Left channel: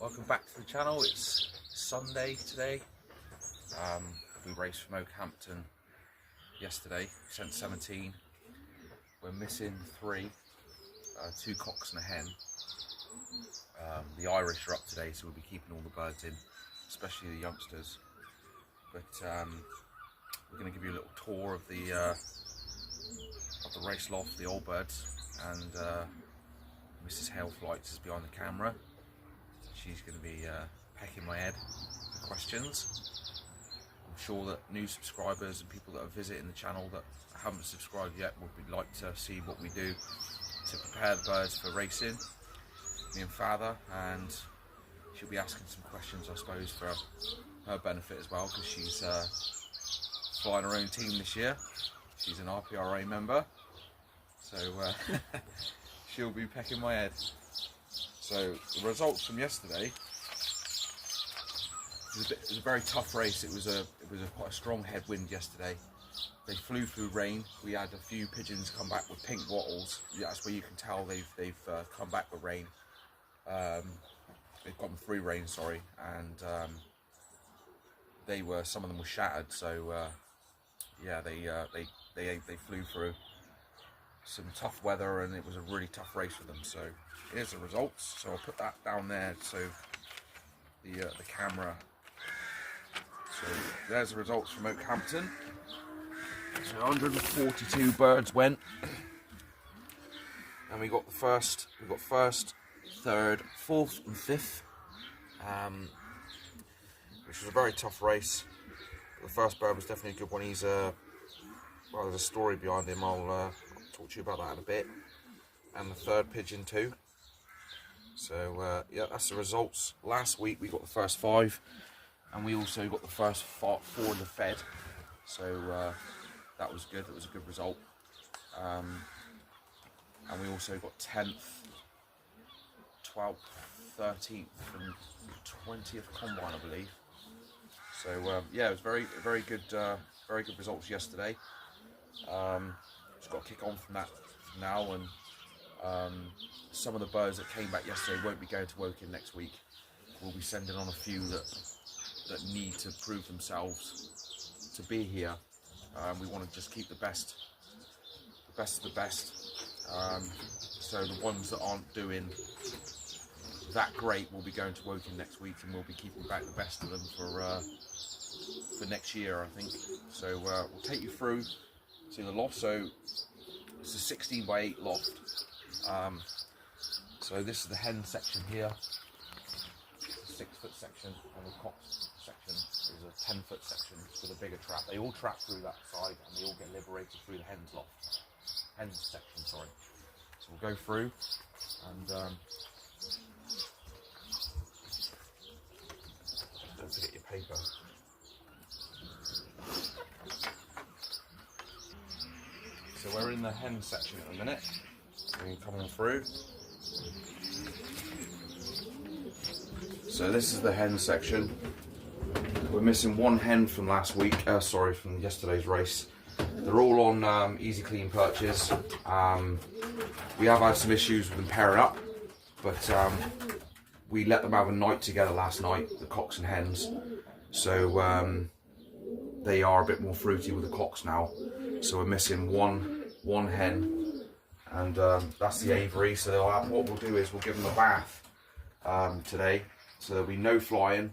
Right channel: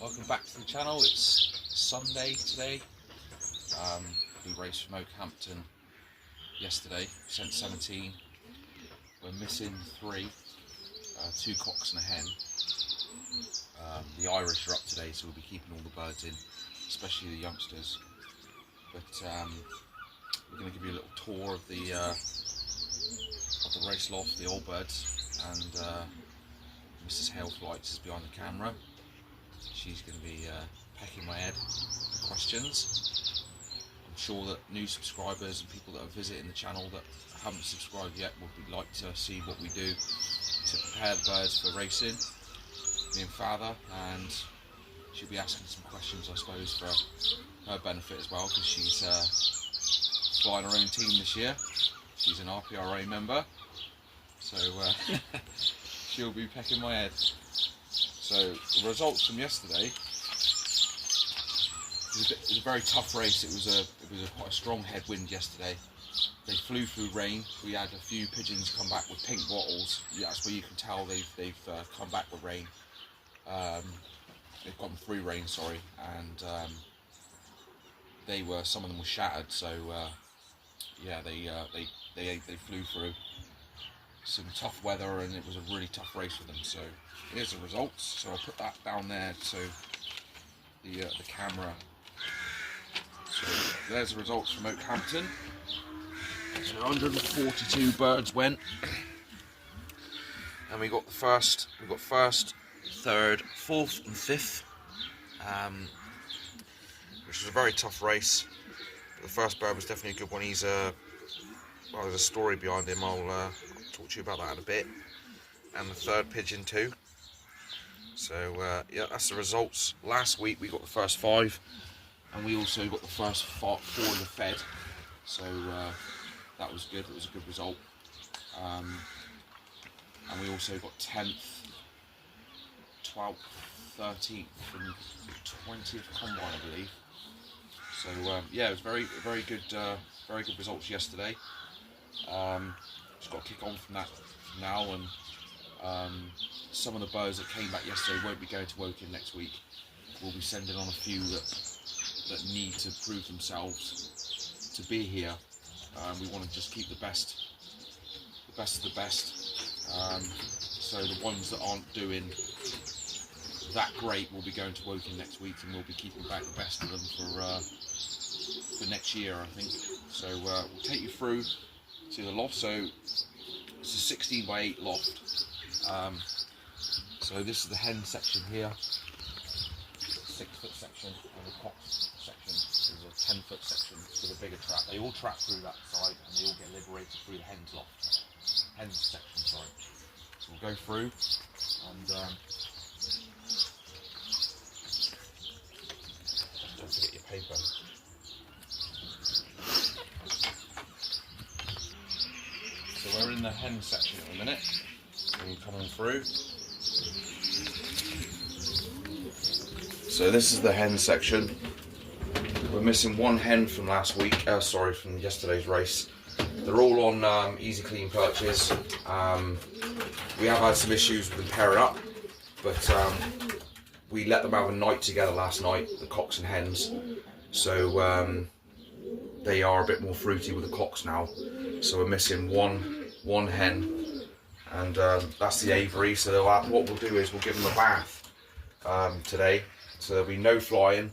Welcome back to the channel. It's Sunday today. We raced from Okehampton yesterday, sent 17. We're missing 3, 2 cocks and a hen. The Irish are up today, so we'll be keeping all the birds in, especially the youngsters. But we're going to give you a little tour of the race loft, the old birds, and Mrs. Heyl Flights is behind the camera. She's going to be pecking my head for questions. I'm sure that new subscribers and people that are visiting the channel that haven't subscribed yet would like to see what we do to prepare the birds for racing, me and Father, and she'll be asking some questions, I suppose, for her benefit as well, because she's flying her own team this year. She's an RPRA member, so she'll be pecking my head. So the results from yesterday, it was a very tough race. It was quite a strong headwind yesterday. They flew through rain. We had a few pigeons come back with pink wattles. That's where you can tell they've come back with rain. They've gotten through rain, sorry, and some of them were shattered. So yeah, they flew through some tough weather, and it was a really tough race for them. So here's the results. So I'll put that down there so the camera. So there's the results from Okehampton. So 142 birds went, and we got first, third, fourth, and fifth, which was a very tough race. But the first bird was definitely a good one. Well, there's a story behind him. I'll talk to you about that in a bit. And the third pigeon too. So yeah, that's the results. Last week we got the first 5, and we also got the first 4 in the fed. So that was good. It was a good result. And we also got 10th, 12th, 13th, and 20th combine, I believe. So yeah, it was very good results yesterday. Just got to kick on from that now, and some of the birds that came back yesterday won't be going to Woking next week. We'll be sending on a few that need to prove themselves to be here. We want to just keep the best of the best. So the ones that aren't doing that great will be going to Woking next week, and we'll be keeping back the best of them for next year, I think. So we'll take you through to the loft. So it's a 16 by 8 loft. So this is the hen section here, 6-foot section, and the cock section is a 10-foot section with a bigger trap. They all trap through that side, and they all get liberated through the hen's loft. Hen section, sorry. So we'll go through, and don't forget your paper. So we're in the hen section at the minute. We can come on through. So this is the hen section. We're missing 1 hen from last week. From yesterday's race. They're all on easy clean perches. We have had some issues with them pairing up, but we let them have a night together last night, the cocks and hens. So they are a bit more fruity with the cocks now. So we're missing one hen, and that's the Avery. So what we'll do is we'll give them a bath today. So there'll be no flying.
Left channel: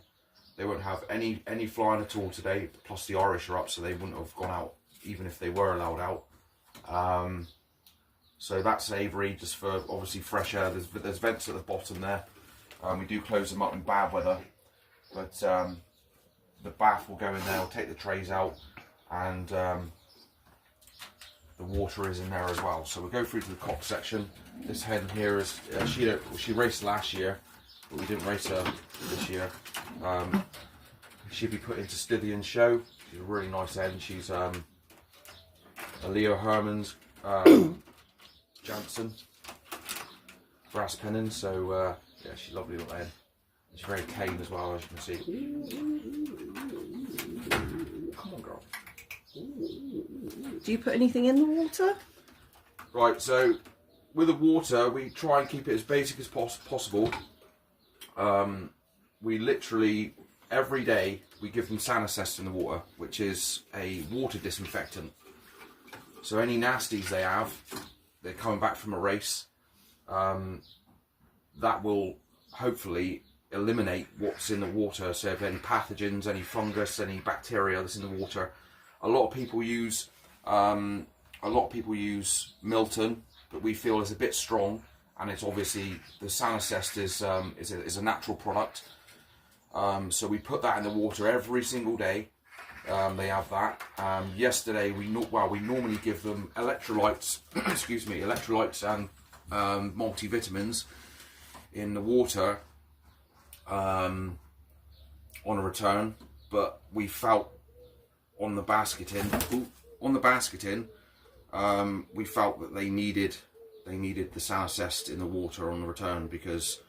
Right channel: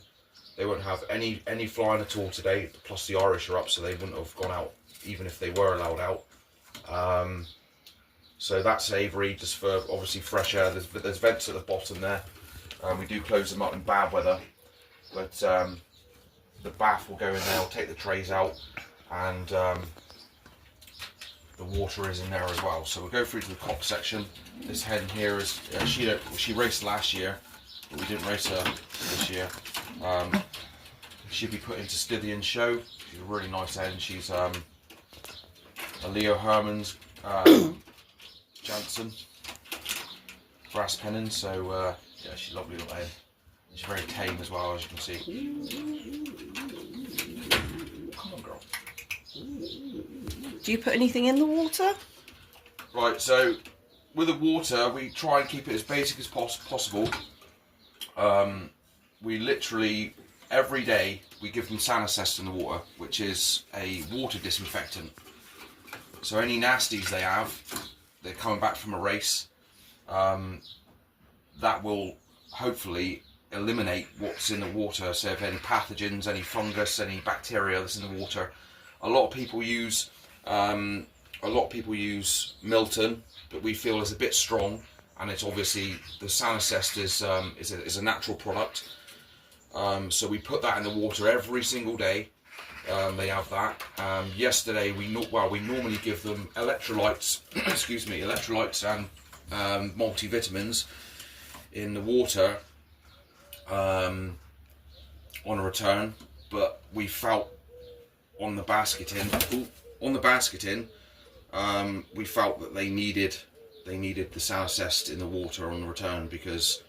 They won't have any flying at all today. Plus the Irish are up, so they wouldn't have gone out even if they were allowed out. So that's Avery, just for obviously fresh air. There's vents at the bottom there. We do close them up in bad weather, but the bath will go in there. We'll take the trays out, and the water is in there as well. So we'll go through to the cock section. This hen here is she raced last year, but we didn't race her this year. She'll be put into Stythian show. She's a really nice hen. She's a Leo Herman's Jansen brass pennon. So yeah, she's a lovely little hen. She's very tame as well, as you can see. Come on, girl. Do you put anything in the water? Right, so with the water, we try and keep it as basic as possible. we literally every day we give them Sanacest in the water, which is a water disinfectant. So any nasties they have, they're coming back from a race, that will hopefully eliminate what's in the water. So if any pathogens, any fungus, any bacteria that's in the water. A lot of people use Milton, but we feel is a bit strong, and it's obviously the Sanacest is a natural product. So we put that in the water every single day. They have that. Yesterday we normally give them electrolytes, excuse me, electrolytes and multivitamins in the water on a return, but we felt on the basketing, we felt that they needed the Sanacest in the water on the return, because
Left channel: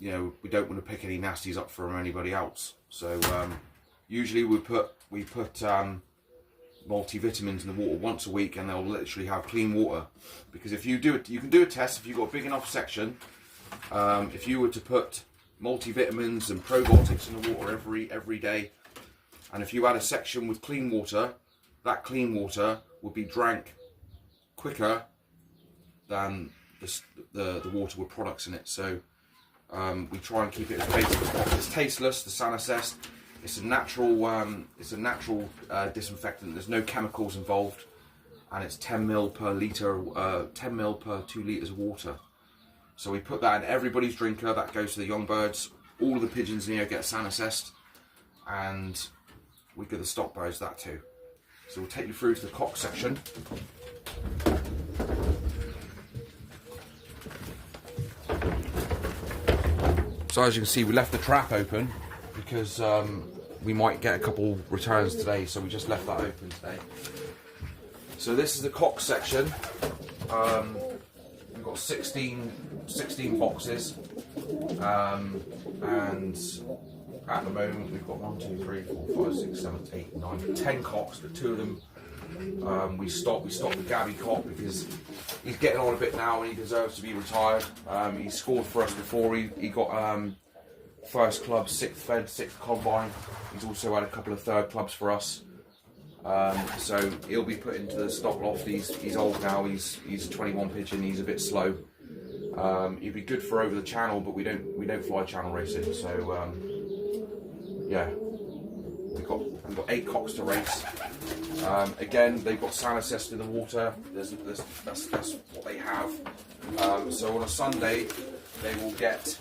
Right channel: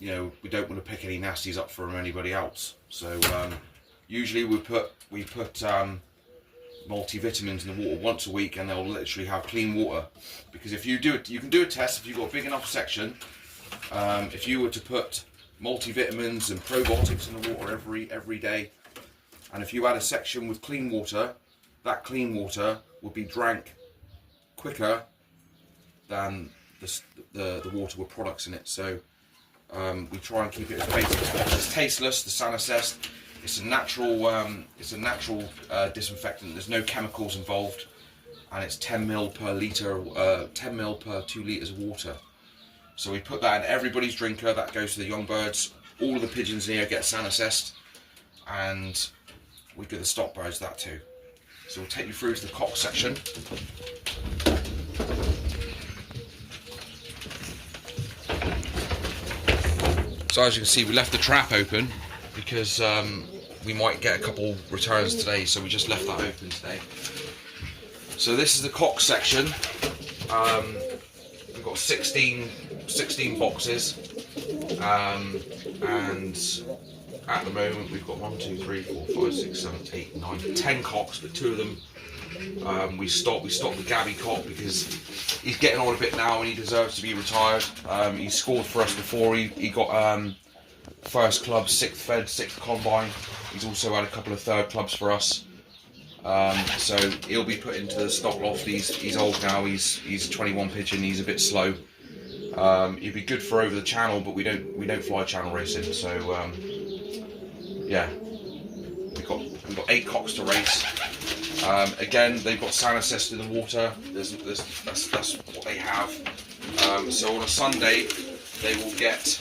you know, we don't want to pick any nasties up from anybody else. So usually we put multivitamins in the water once a week, and they'll literally have clean water. Because if you do it, you can do a test if you've got a big enough section. If you were to put multivitamins and probiotics in the water every day, and if you had a section with clean water, that clean water would be drank quicker than the water with products in it. So we try and keep it as basic as possible. It's tasteless, the Sanacest. It's a natural disinfectant. There's no chemicals involved, and it's 10 ml per litre, 10 ml per 2 litres of water. So we put that in everybody's drinker. That goes to the young birds. All of the pigeons in here get Sanacest, and we give the stock birds that too. So we'll take you through to the cock section. So as you can see, we left the trap open because we might get a couple returns today, so we just left that open today. So this is the cock section. We've got 16 boxes, and at the moment we've got 1, 2, 3, 4, 5, 6, 7, 8, 9, 10 cocks, but 2 of them we stopped the Gabby cock because he's getting on a bit now and he deserves to be retired. He scored for us before. He got first club, 6th fed, 6th combine. He's also had a couple of 3rd clubs for us. So he'll be put into the stock loft. He's old now. He's a 21 pigeon. He's a bit slow. He'd be good for over the channel, but we don't fly channel racing. So yeah, we've got 8 cocks to race. Again, they've got Sanacest in the water. That's what they have. So on a Sunday, they will get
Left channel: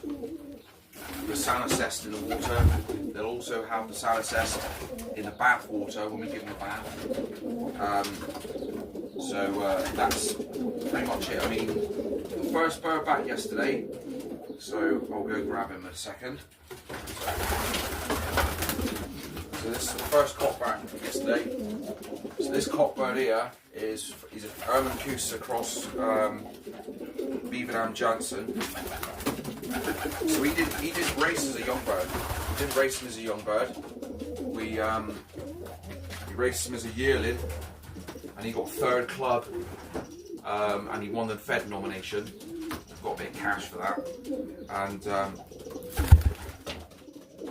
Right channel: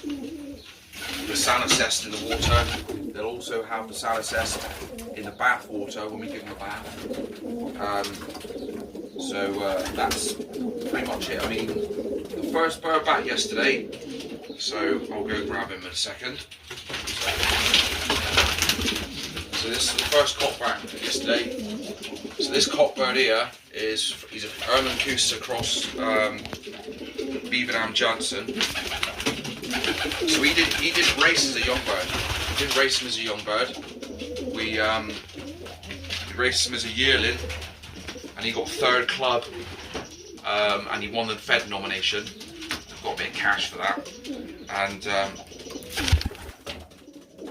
the Sanacest in the water. They'll also have the Sanacest in the bath water when we give them a bath. So that's pretty much it. I mean, the first bird back yesterday, so I'll go grab him in a second. So this is the first cock back yesterday. So this cock bird here he's a Herman Kuster cross Beaverdam Johnson. So he didn't race as a young bird. We didn't race him as a young bird. We raced him as a yearling, and he got 3rd club, and he won the Fed nomination. I've got a bit of cash for that, and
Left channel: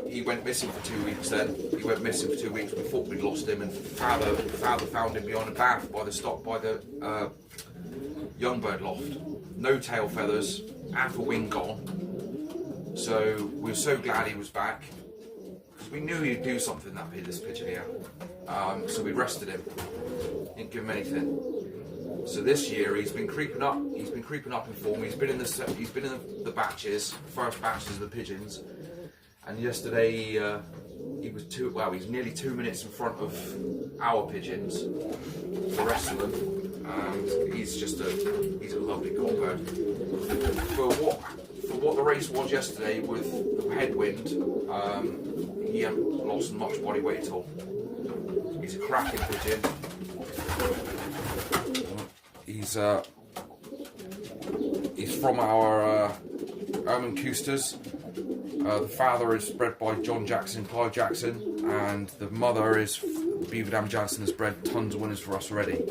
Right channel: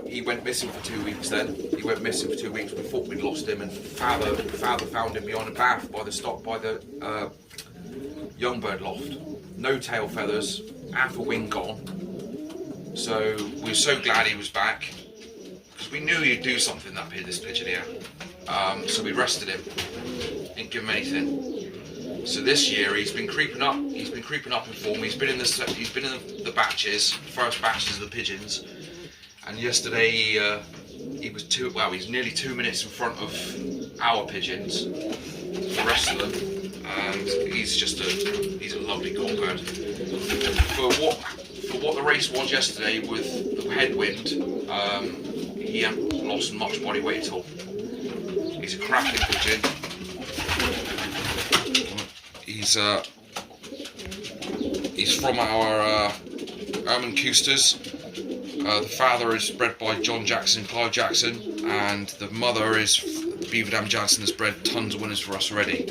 he went missing for 2 weeks. Then he went missing for 2 weeks. We thought we'd lost him, and father found him behind a bath by the young bird loft. No tail feathers, half a wing gone. So we're so glad he was back, because we knew he'd do something, this pigeon here. So we rested him, didn't give him anything. So this year he's been creeping up. He's been creeping up in form. He's been in the batches, first batches of the pigeons. And yesterday he was he's nearly 2 minutes in front of our pigeons, the rest of them. And he's a lovely cock bird. For what the race was yesterday with the headwind, he hasn't lost much body weight at all. He's a cracking pigeon. He's from our Herman Kusters. The father is bred by John Jackson, Clive Jackson, and the mother is Beaverdam Johnson, has bred tons of winners for us already.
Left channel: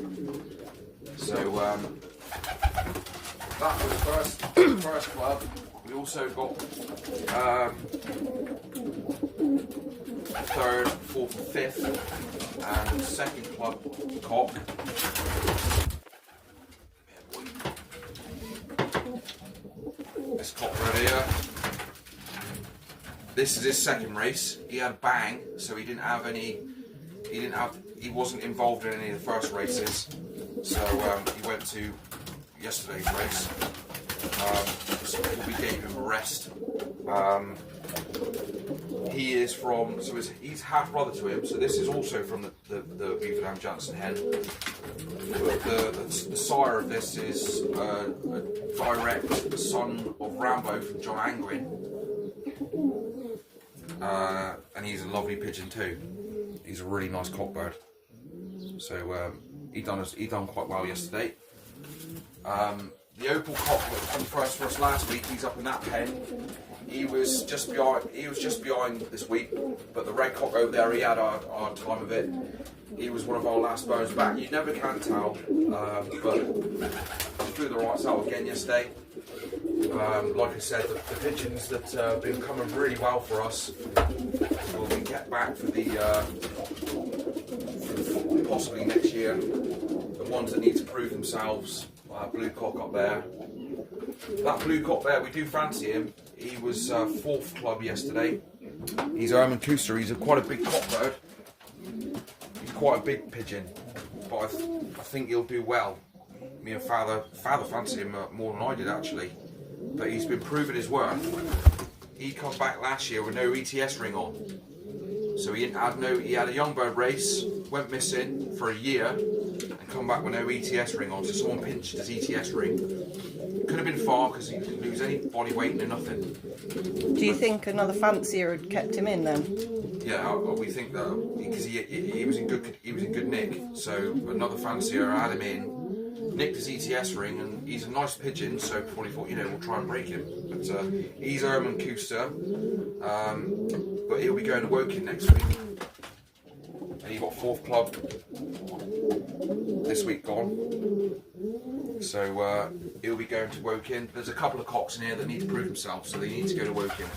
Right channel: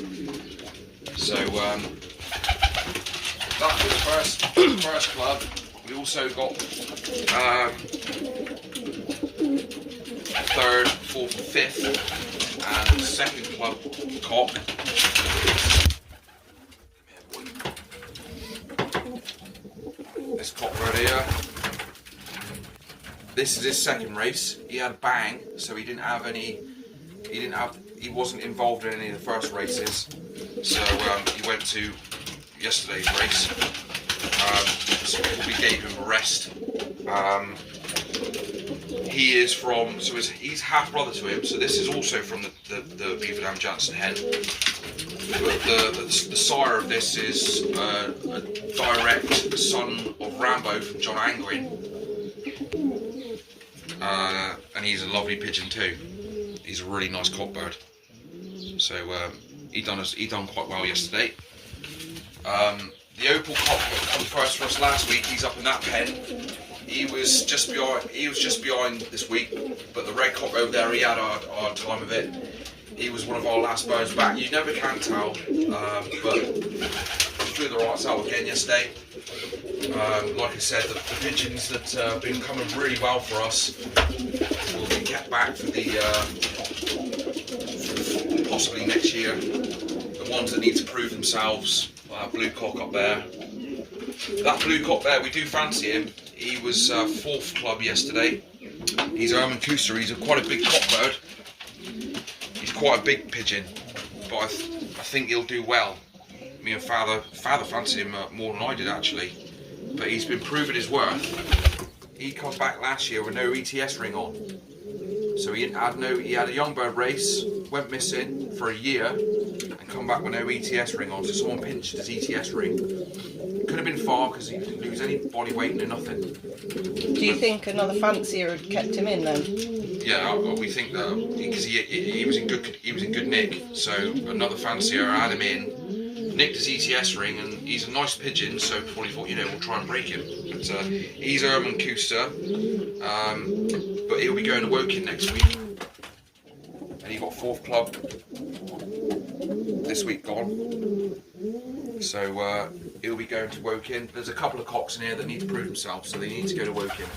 So that was first club. We also got third, fourth, and fifth, and second club cock. This cock right here. This is his second race. He had a bang, so he wasn't involved in any of the first races. So he went to yesterday's race. So we gave him a rest. He is from, so he's half brother to him. So this is also from the Beaver Dam Jansen hen. But the sire of this is a direct son of Rambo from John Angwin. And he's a lovely pigeon too. He's a really nice cockbird. So he done quite well yesterday. The opal cock that come first for us last week, he's up in that pen. He was just behind this week, but the red cock over there, he had our time of it. He was one of our last birds back. You never can tell, but flew the rights out again yesterday. Like I said, the pigeons that have been coming really well for us will be kept back for possibly next year. The ones that need to prove themselves, blue cock up there. That blue cock there, we do fancy him. He was fourth club yesterday. He's a Herman Cooster. He's quite a big cockbird. He's quite a big pigeon, but I think he'll do well. Me and Father fancied him more than I did actually, but he's been proving his worth. He come back last year with no ETS ring on, so he had a young bird race, went missing for a year, and come back with no ETS ring on. So someone pinched his ETS ring. Could have been far because he didn't lose any body weight, no nothing. Do you think another fancier had kept him in then? Yeah, we think that because he was in good nick, so another fancier had him in, nicked his ETS ring, and he's a nice pigeon, so probably thought, we'll try and break him. But he's Herman Cooster, but he'll be going to Woking next week, and he got fourth club this week gone. So he'll be going to Woking. There's a couple of cocks in here that need to prove themselves, so they need to go to Woking.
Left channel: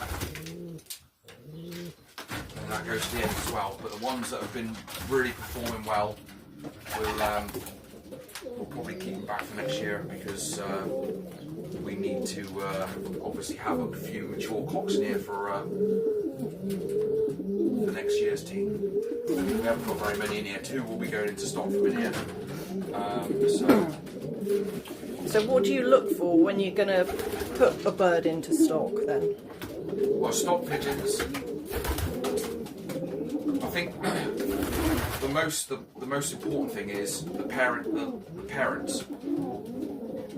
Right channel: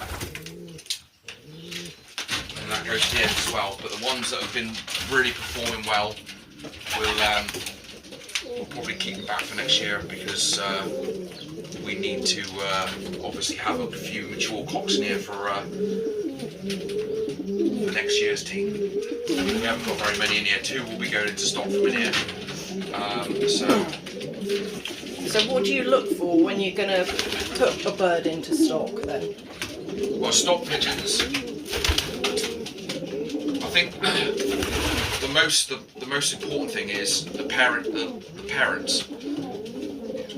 And that goes to the end as well. But the ones that have been really performing well, we'll probably keep them back for next year, because we need to obviously have a few mature cocks in here for next year's team. We haven't got very many in here. 2 will be going into stock from in here. So what do you look for when you're going to put a bird into stock then? Well, stock pigeons, I think the most important thing is the parents.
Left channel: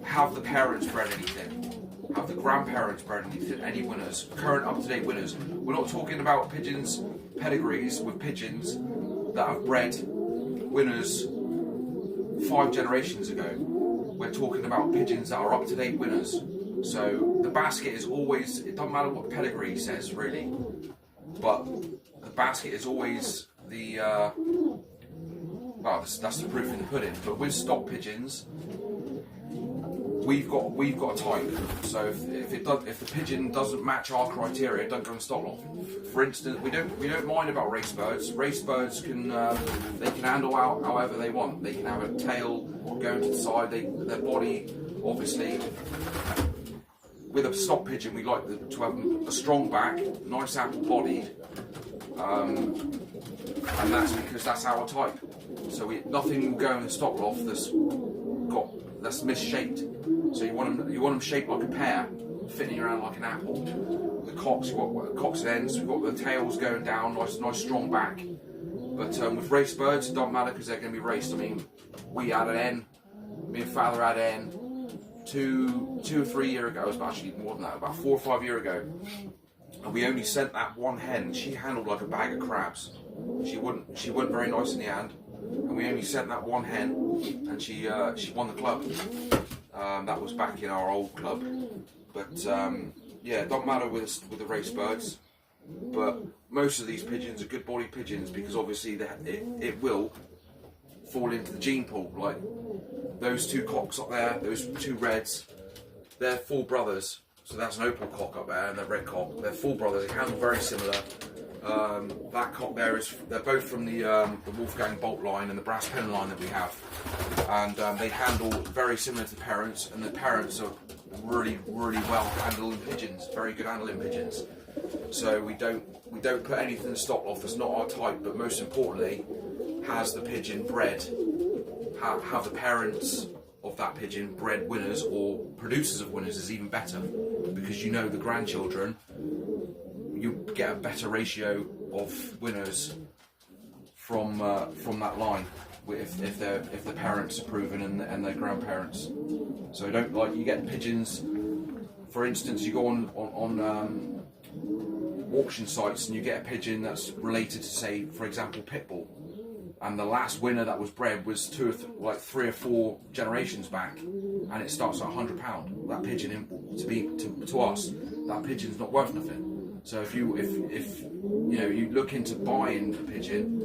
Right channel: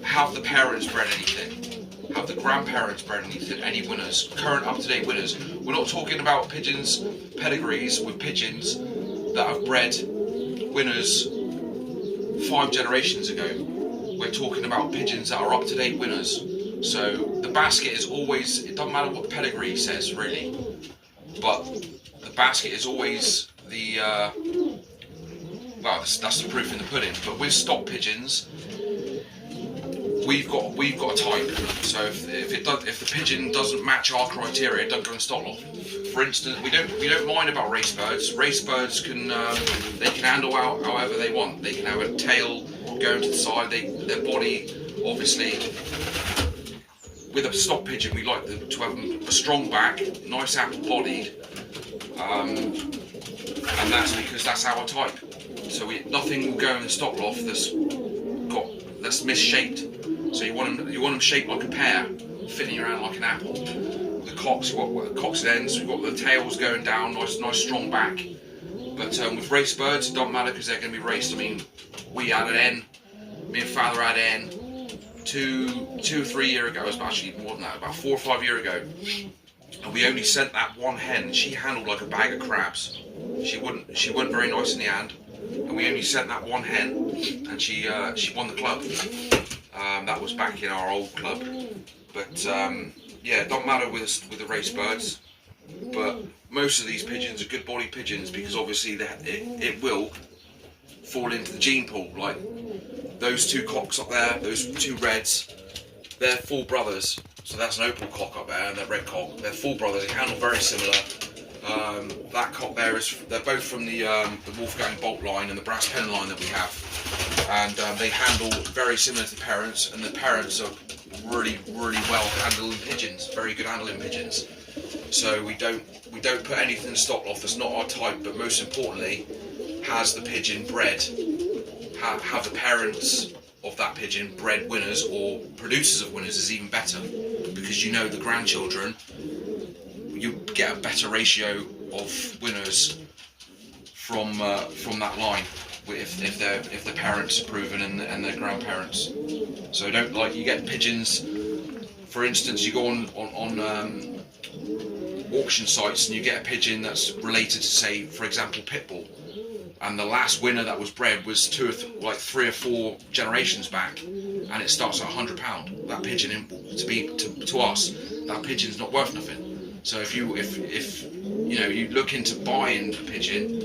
Have the parents bred anything? Have the grandparents bred anything? Any winners? Current up-to-date winners. We're not talking about pigeons, pedigrees with pigeons that have bred winners 5 generations ago. We're talking about pigeons that are up-to-date winners. So the basket is always, it doesn't matter what the pedigree says really, but the basket is always the, well, that's the proof in the pudding. But with stock pigeons, we've got a type. So if the pigeon doesn't match our criteria, it doesn't go in stock loft. For instance, we don't mind about race birds. Race birds can they can handle out however they want. They can have a tail going to the side. Their body, obviously. With a stock pigeon, we like to have a strong back, nice apple-bodied, and that's because that's our type. So nothing will go in the stock loft that's misshaped. So you want them shaped like a pear, fitting around like an apple. The cocks, cocks and ends, we've got the tails going down, nice strong back. But with race birds, it doesn't matter because they're going to be raced. I mean, we had an hen, me and Father had an hen 2 or 3 years ago. It was actually more than that, about 4 or 5 years ago. And we only sent that one hen. She handled like a bag of crabs. She wasn't very nice in the hand. And we only sent that one hen, and she won the club. That was back in our old club. But yeah, it don't matter with the race birds. But most of these pigeons are good body pigeons because obviously it will fall into the gene pool. Like those 2 cocks up there, those 2 reds, they're full brothers. So that's an opal cock up there and the red cock. They're full brothers. They handle very similar. That cock there they're both from the Wolfgang bolt line and the brass pen line that we have, and they handle very similar to the parents, and the parents are really well handling pigeons, very good handling pigeons. So we don't put anything in the stock loft that's not our type, but most importantly, has the pigeon bred, have the parents of that pigeon bred winners or producers of winners is even better, because you know the grandchildren, you get a better ratio of winners from that line if the parents are proven and their grandparents. So don't, like, you get pigeons, for instance, you go on auction sites and you get a pigeon that's related to, say, for example, Pitbull, and the last winner that was bred was 3 or 4 generations back, and it starts at £100. That pigeon, to us, that pigeon's not worth nothing. So if you you look into buying a pigeon,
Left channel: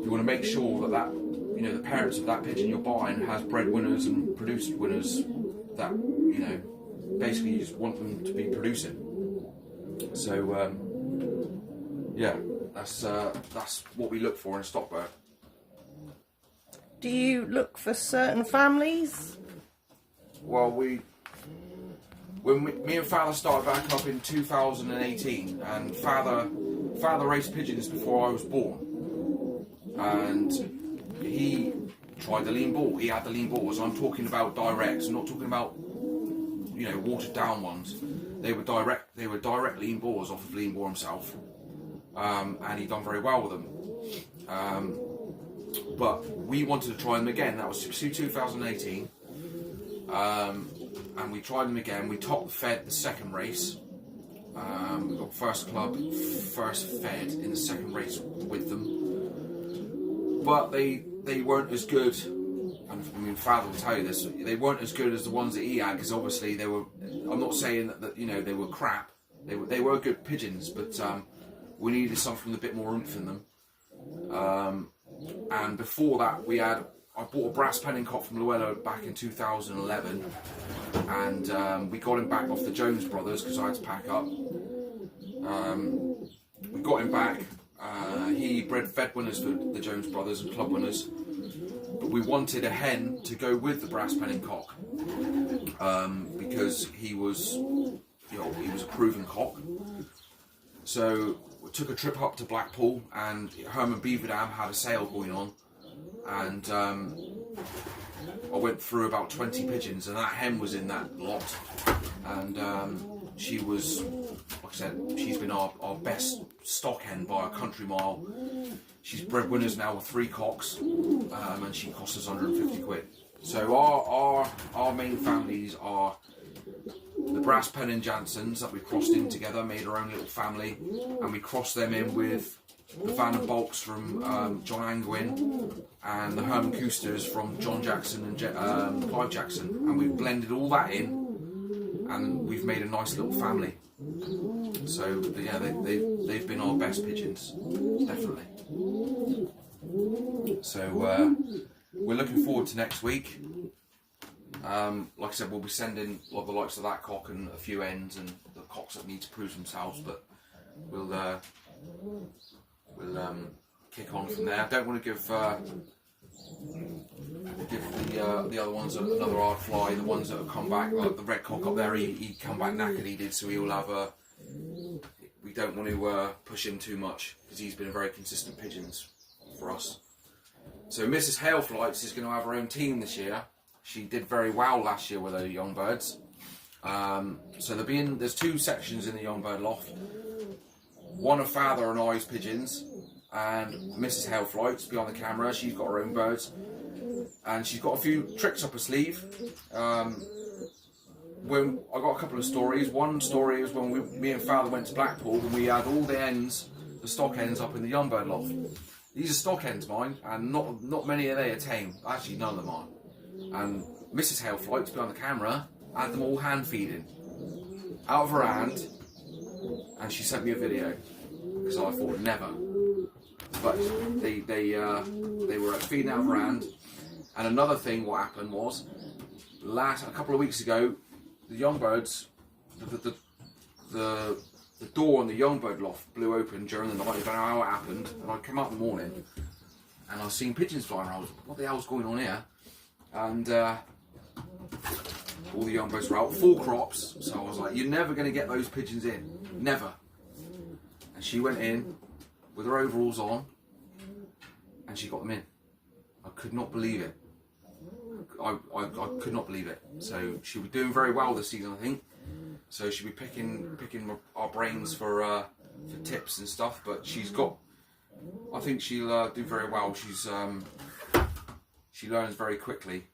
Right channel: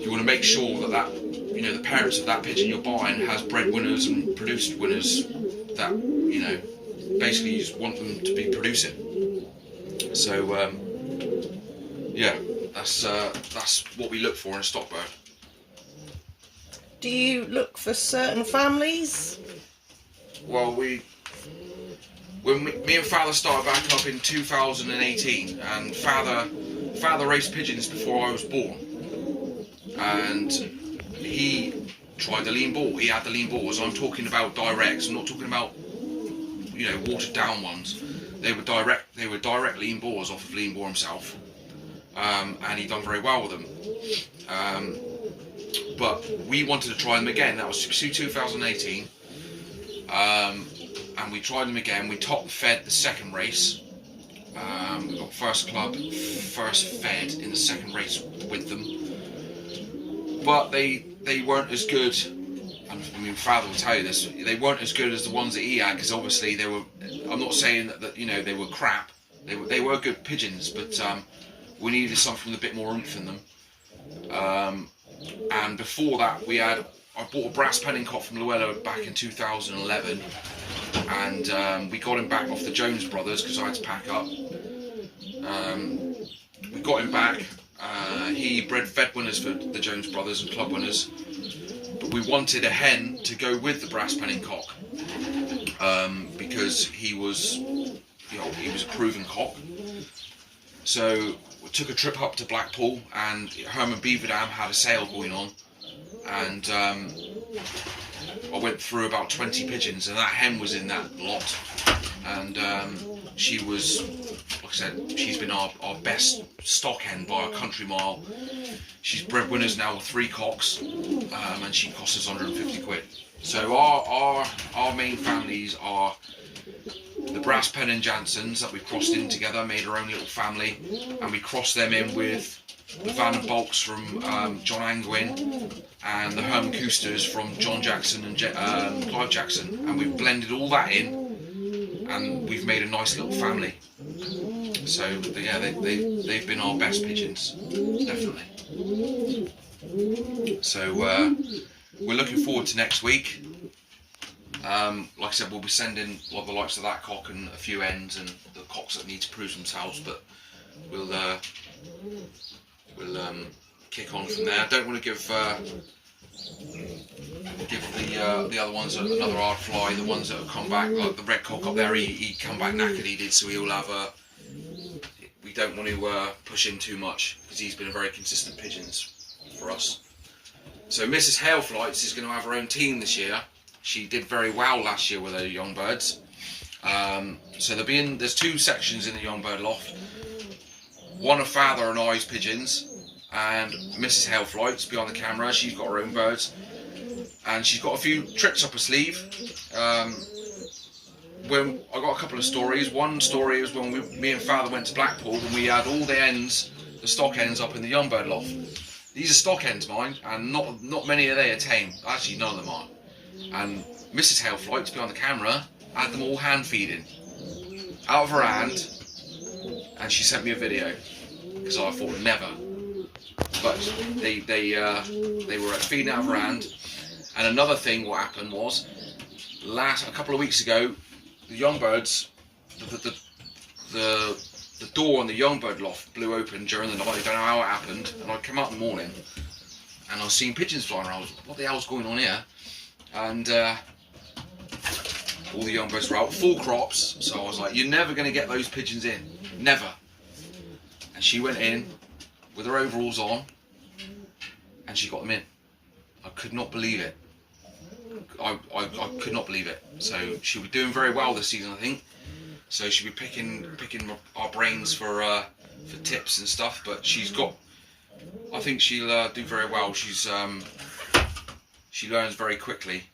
you want to make sure that the parents of that pigeon you're buying has bred winners and produced winners that basically you just want them to be producing. So yeah, that's what we look for in a stock bird. Do you look for certain families? Well, when me and Father started back up in 2018, and Father raced pigeons before I was born, and he tried the lean ball. He had the lean balls. I'm talking about directs. I'm not talking about watered down ones. They were direct lean balls off of lean ball himself, and he done very well with them. But we wanted to try them again. That was 2018. And we tried them again. We top fed the second race. We got first fed in the second race with them. But they weren't as good. And I mean, Father will tell you this. They weren't as good as the ones that he had, because obviously they were. I'm not saying that they were crap. They were good pigeons, but we needed something with a bit more oomph in them. And before that, I bought a brass penning cock from Llewellyn back in 2011, and we got him back off the Jones brothers because I had to pack up. We got him back. He bred fed winners for the Jones brothers and club winners, but we wanted a hen to go with the brass penning cock, because he was a proven cock. So we took a trip up to Blackpool, and Herman Beaverdam had a sale going on, and I went through about 20 pigeons, and that hen was in that lot, and she was, like I said, she's been our best stock hen by a country mile. She's bred winners now with 3 cocks, and she cost us 150 quid. So our main families are the Brass Pen and Jansons that we crossed in together, made our own little family, and we crossed them in with the Van and Bulks from John Angwin, and the Herman Coosters from John Jackson and Clive Jackson, and we've blended all that in, and we've made a nice little family. So yeah, they've been our best pigeons, definitely. So we're looking forward to next week. Like I said, we'll be sending the likes of that cock and a few hens and the cocks that need to prove themselves, but we'll kick on from there. I don't want to give the other ones another hard fly. The ones that have come back, like the red cock up there, he come back knackered, he did, so he'll have a. We don't want to push him too much, because he's been a very consistent pigeons for us. So Mrs. Heyl Flights is going to have her own team this year. She did very well last year with her young birds. So there's 2 sections in the young bird loft. One of Father and I's pigeons, and Mrs. Heyl Flights behind the camera. She's got her own birds, and she's got a few tricks up her sleeve. When I got a couple of stories. One story is when me and Father went to Blackpool, and we had all the hens, the stock hens, up in the young bird loft. These are stock hens, mind, and not many of they are tame. Actually, none of them are. And Mrs. Heyl Flights behind the camera had them all hand feeding out of her hand, and she sent me a video, because I thought never. But they were feeding out of her hand. And another thing, what happened was, a couple of weeks ago, young birds, the door on the young bird loft blew open during the night. I don't know how it happened, and I came out in the morning and I was seeing pigeons flying around. I was, what the hell's going on here? And all the young birds were out, full crops. So I was like, you're never going to get those pigeons in, never. And she went in with her overalls on, and she got them in. I could not believe it. I could not believe it. So she'll be doing very well this season, I think. So she'll be picking our brains for tips and stuff. But she's got, I think she'll do very well. She's she learns very quickly,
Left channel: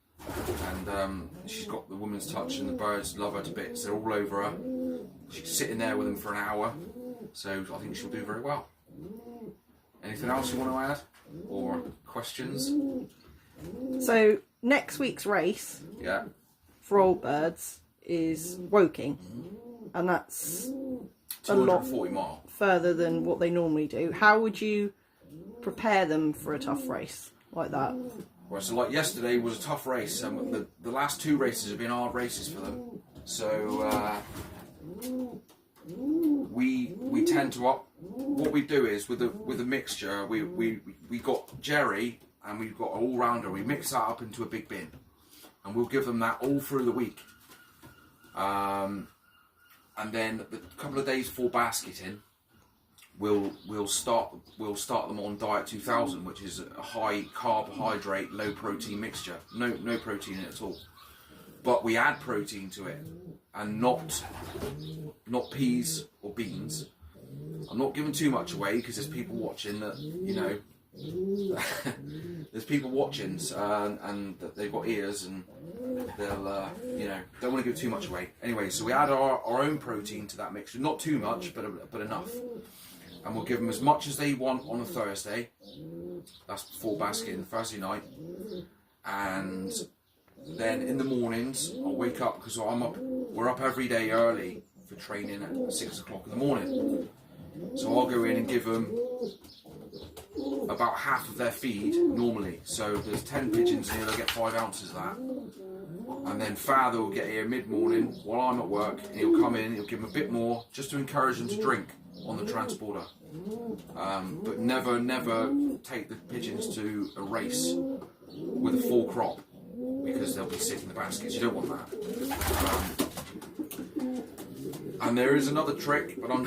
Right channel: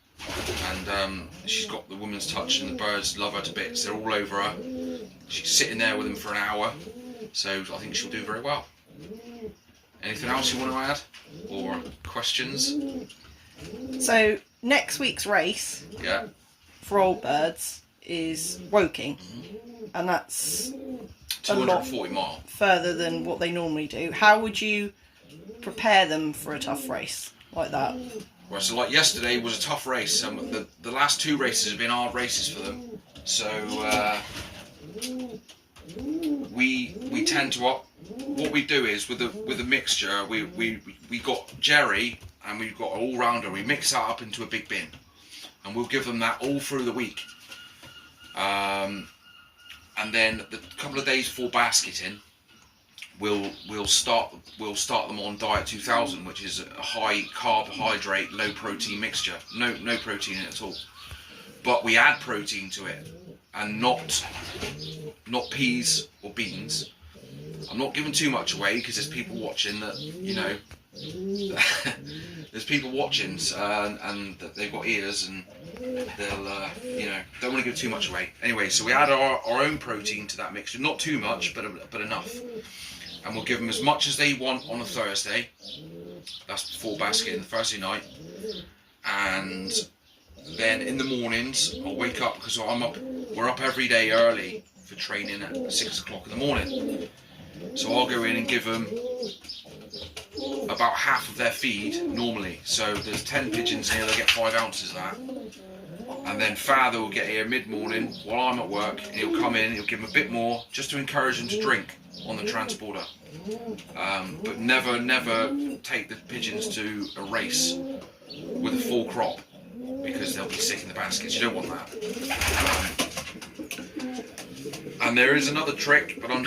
and she's got the woman's touch, and the birds love her to bits. They're all over her. She's sitting there with them for an hour. So I think she'll do very well. Anything else you want to add, or questions? So next week's race, Yeah, for old birds is Woking, and that's a lot 240 mile. further than what they normally do. How would you prepare them for a tough race like that? Well, so like yesterday was a tough race, and the last 2 races have been hard races for them. So we tend to what we do is with the mixture, we got Jerry and we've got an all-rounder. We mix that up into a big bin, and we'll give them that all through the week. And then the couple of days before basketing, we'll start them on Diet 2000, which is a high carbohydrate, low protein mixture. No protein in it at all, but we add protein to it, and not peas or beans. I'm not giving too much away because there's people watching that, you know, there's people watching and that they've got ears, and they'll you know, don't want to give too much away. Anyway, so we add our own protein to that mixture, not too much, but enough, and we'll give them as much as they want on a Thursday. That's before basketing, Thursday night, and then in the mornings I'll wake up, because we're up every day early for training at 6 o'clock in the morning. So I'll go in and give them about half of their feed normally. So there's 10 pigeons here, they'll get 5 ounces of that. And then father will get here mid-morning while I'm at work, and he'll come in, he'll give them a bit more just to encourage them to drink on the transporter. But never take the pigeons to a race with a full crop, because they'll be sick in the baskets. You don't want that. And there is another trick, but I'm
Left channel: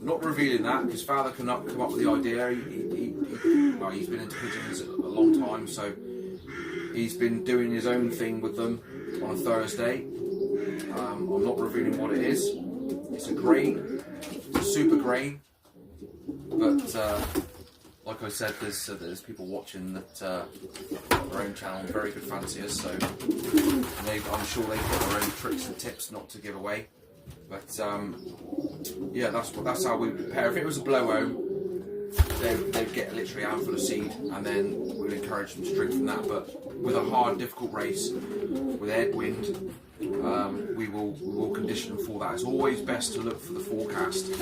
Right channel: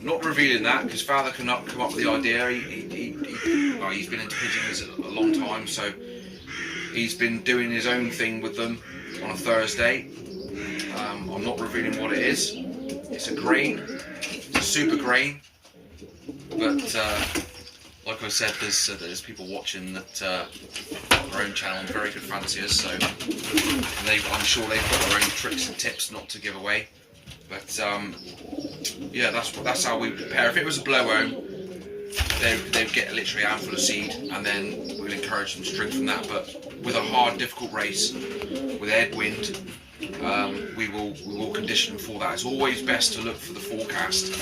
not revealing that, because father cannot come up with the idea. He's been into pigeons a long time, so he's been doing his own thing with them on a Thursday. I'm not revealing what it is. It's a grain, it's a super grain, but like I said, there's people watching that got their own channel, very good fanciers, so I'm sure they've got their own tricks and tips not to give away. But yeah, that's how we prepare. If it was a blow home, they'd get literally a handful of seed, and then we'll encourage them to drink from that. But with a hard, difficult race with headwind, we will condition them for that. It's always best to look for the forecast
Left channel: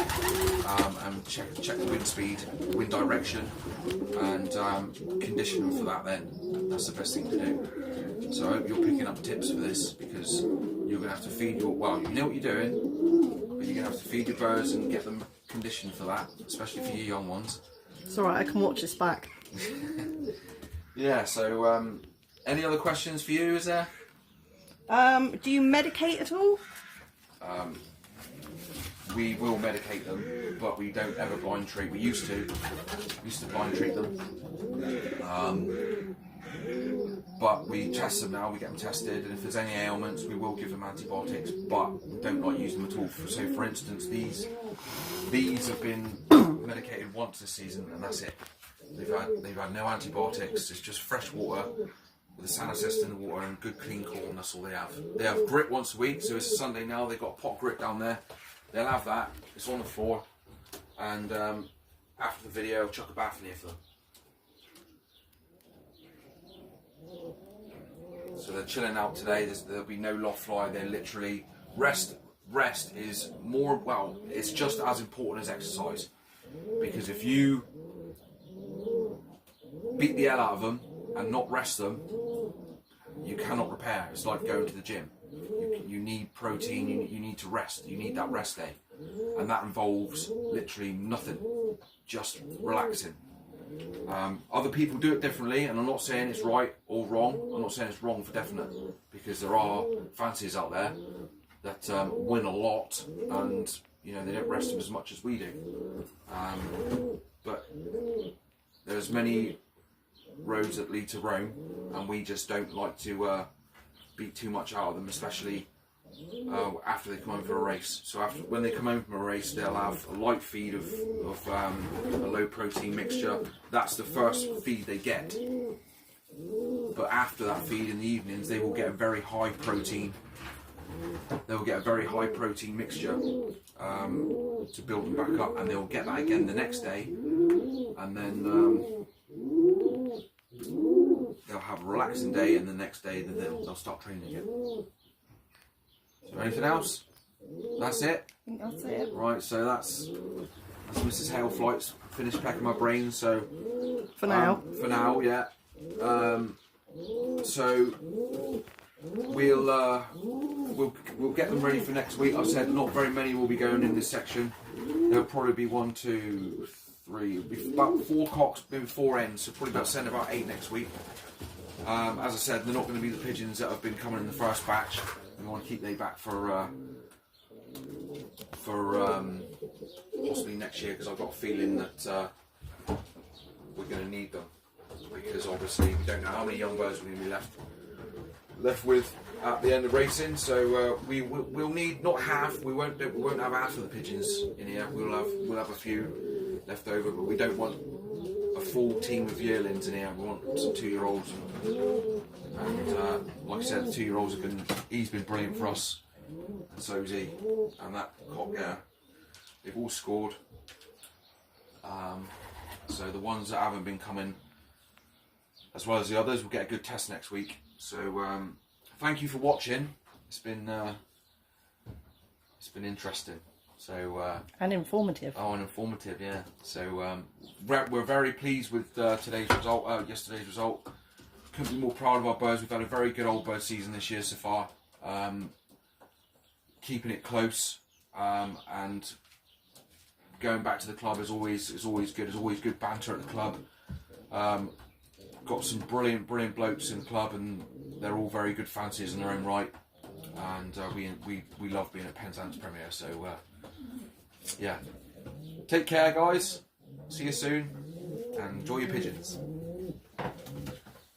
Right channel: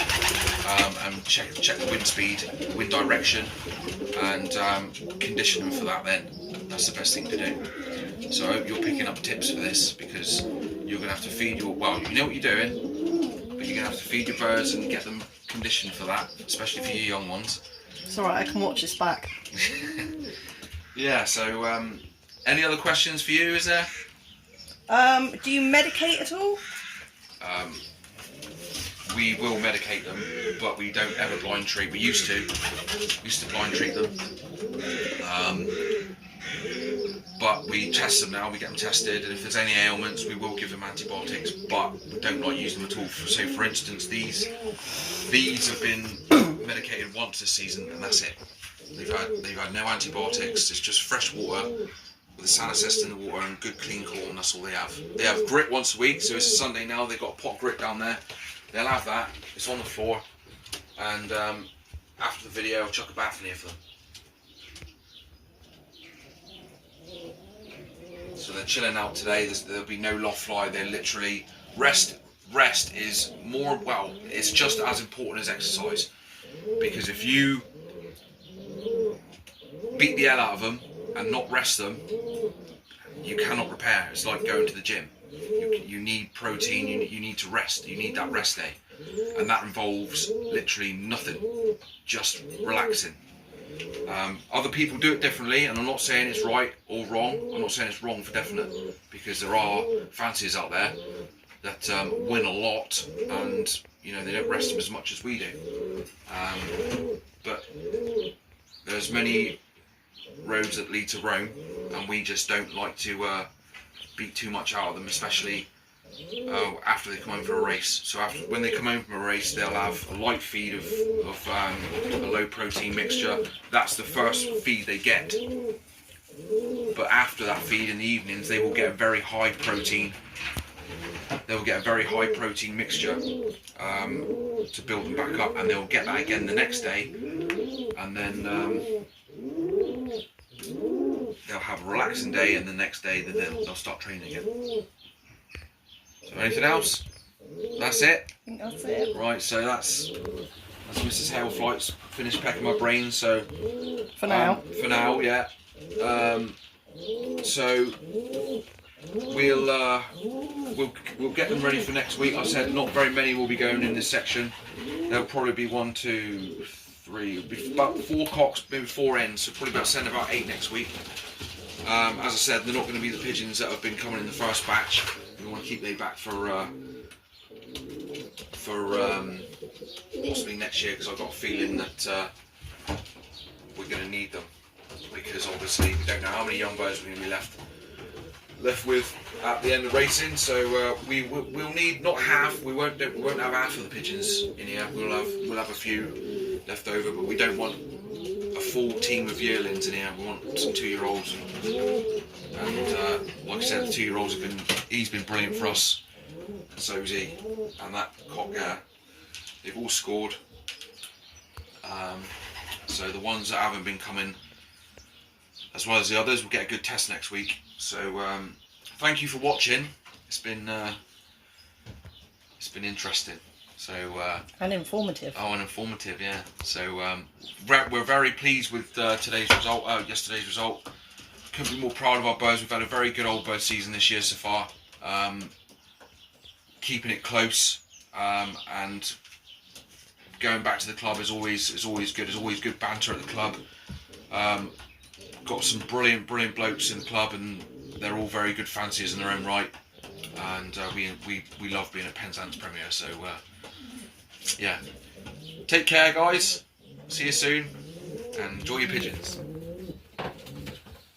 and check the wind speed, wind direction, and condition them for that. Then that's the best thing to do. So I hope you're picking up tips for this, because you're going to have to feed you know what you're doing, but you're going to have to feed your birds and get them conditioned for that, especially for your young ones. It's alright, I can watch this back. Yeah, so any other questions for you, is there? Do you medicate at all? We will medicate them, but we don't ever blind treat. We used to blind treat them. But we test them now, we get them tested, and if there's any ailments, we will give them antibiotics, but we don't like use them at all. So for instance, these have been medicated once this season, and that's it. They've had no antibiotics, it's just fresh water with a salicest in the water and good clean corn. That's all they have. They have grit once a week, so it's a Sunday now, they've got a pot grit down there. They'll have that, it's on the floor, and after the video I'll chuck a bath in here for them. So they're chilling out today. There'll be no loft fly. They're literally rest is more, well, it's just as important as exercise, because if you beat the hell out of them and not rest them, you cannot repair. It's like going to the gym. You need protein, you need to rest, you need that rest day. And that involves literally nothing, just relaxing. Other people do it differently, and I'm not saying it's right or wrong. I'm not saying it's wrong for definite, because there are fanciers out there that win a lot, and you know, they don't rest them as much as we do. But there's many roads that lead to Rome, and we just don't like to beat too much out of them, especially after they come home for a race. So when they come home from a race, they'll have a light feed of a low protein mixture. That's the first feed they get. But after that feed in the evenings, they will get a very high protein. They will get a very high protein mixture to build them back up, and they'll get that again the next day, and then they'll have a relaxing day, and the next day they'll start training again. So anything else? That's it? I think that's it. Right, so that's Mrs. Heyl flights finished pecking my brains, so For now. For now, yeah. So we'll get them ready for next week. I said not very many will be going in this section. There'll probably be 1, 2, 3, about 4 cocks, maybe 4 ends, so probably send about 8 next week. As I said, they're not going to be the pigeons that have been coming in the first batch. We want to keep they back for possibly next year, because I've got a feeling that we're going to need them, because obviously we don't know how many young birds we're going to be left with at the end of racing. So we'll need not half. We won't have half of the pigeons in here. We'll have a few left over, but we don't want a full team of yearlings in here. We want some 2-year-olds, and like I said, the 2-year-olds he's been brilliant for us, and so's he, and that cock there, they've all scored. So the ones that haven't been coming, as well as the others, will get a good test next week. So thank you for watching. It's been interesting. So And informative. Oh, and informative, yeah. So we're very pleased with yesterday's result. Couldn't be more proud of our birds. We've had a very good old bird season this year so far. Keeping it close, and going back to the club is always good. There's always good banter at the club. Got some brilliant blokes in the club, and they're all very good fanciers in their own right. And we love being at Penzance Premier. So yeah, take care, guys. See you soon, and enjoy your pigeons.